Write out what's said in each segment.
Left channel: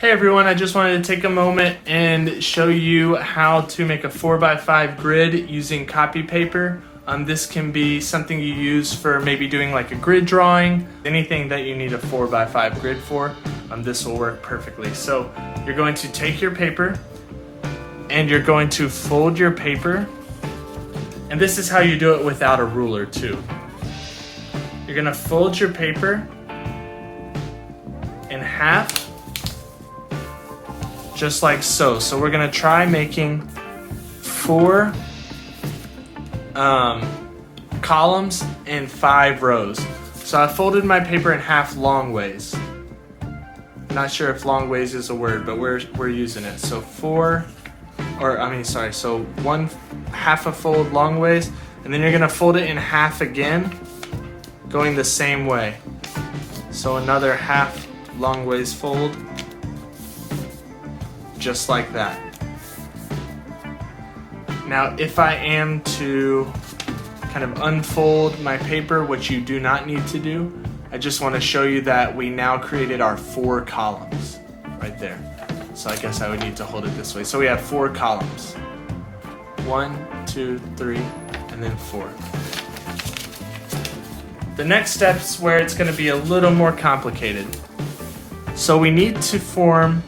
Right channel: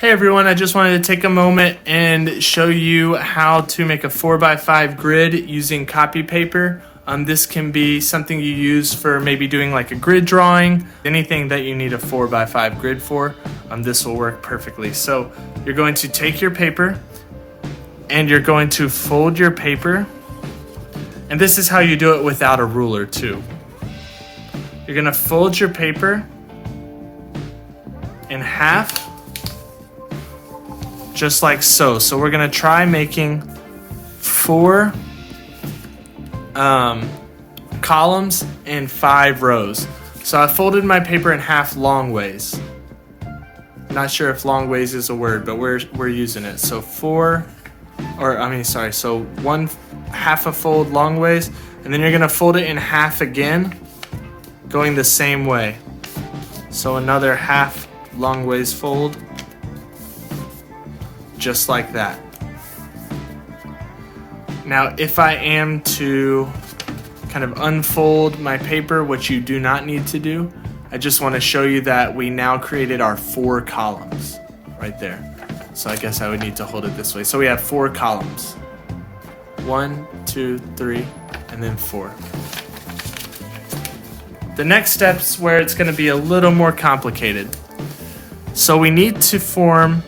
Hey everyone, I just wanted to take a moment and show you how to make a 4x5 grid using copy paper. This can be something you use for maybe doing like a grid drawing, anything that you need a 4x5 grid for. This will work perfectly. So you're going to take your paper and you're going to fold your paper. And this is how you do it without a ruler too. You're gonna fold your paper in half, just like so. So we're gonna try making 4 columns in 5 rows. So I folded my paper in half long ways. Not sure if long ways is a word, but we're using it. So so 1 half a fold long ways, and then you're gonna fold it in half again, going the same way. So another half long ways fold, just like that. Now, if I am to kind of unfold my paper, which you do not need to do, I just want to show you that we now created our 4 columns right there. So I guess I would need to hold it this way. So we have 4 columns. 1, 2, 3, and then 4. The next step's where it's going to be a little more complicated. So we need to form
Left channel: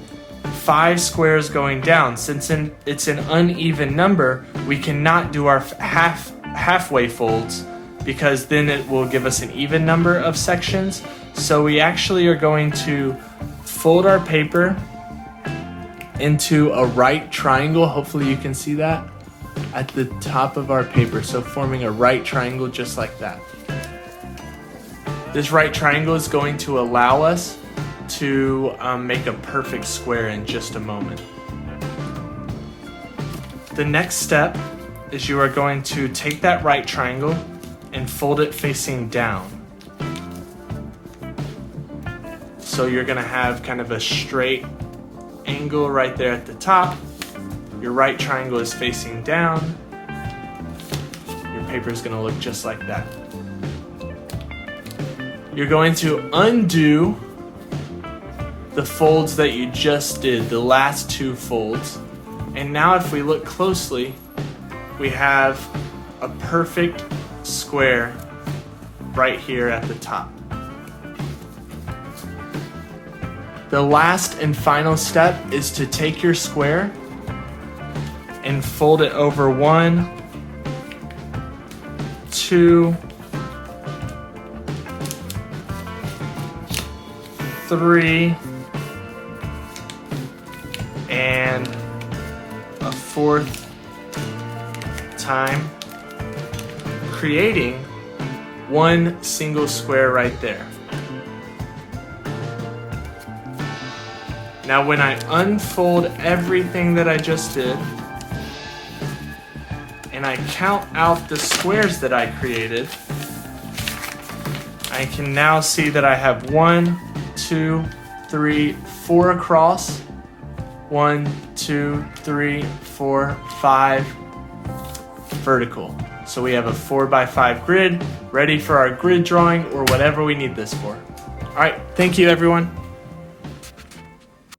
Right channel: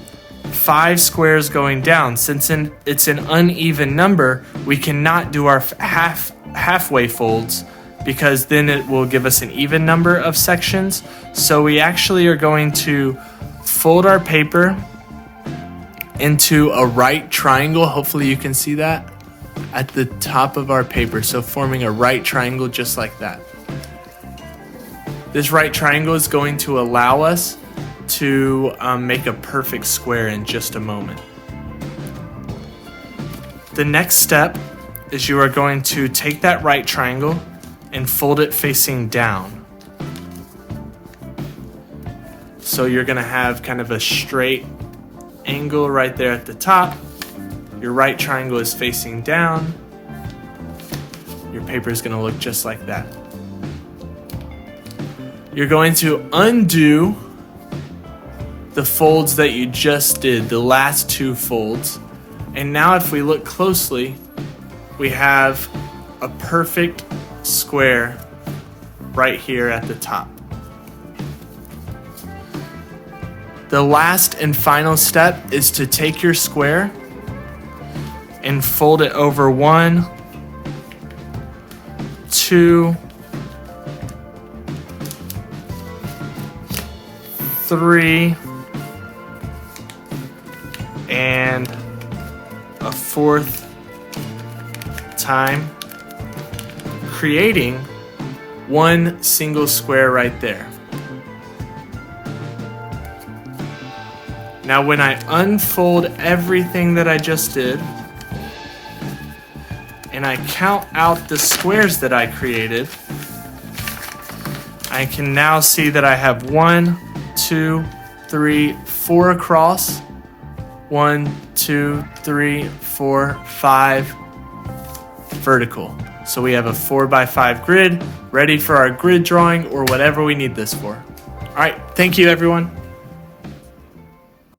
5 squares going down. Since it's an uneven number, we cannot do our halfway folds because then it will give us an even number of sections. So we actually are going to fold our paper into a right triangle. Hopefully you can see that at the top of our paper. So forming a right triangle just like that. This right triangle is going to allow us to make a perfect square in just a moment. The next step is you are going to take that right triangle and fold it facing down. So you're going to have kind of a straight angle right there at the top. Your right triangle is facing down. Your paper is going to look just like that. You're going to undo the folds that you just did, the last 2 folds. And now if we look closely, we have a perfect square right here at the top. The last and final step is to take your square and fold it over 1, 2, 3, and a 4th time, creating 1 single square right there. Now when I unfold everything that I just did and I count out the squares that I created, I can now see that I have 1, 2, 3, 4 across, 1, 2, 3, 4, 5 vertical. So we have a 4x5 grid ready for our grid drawing or whatever we need this for. All right, thank you everyone.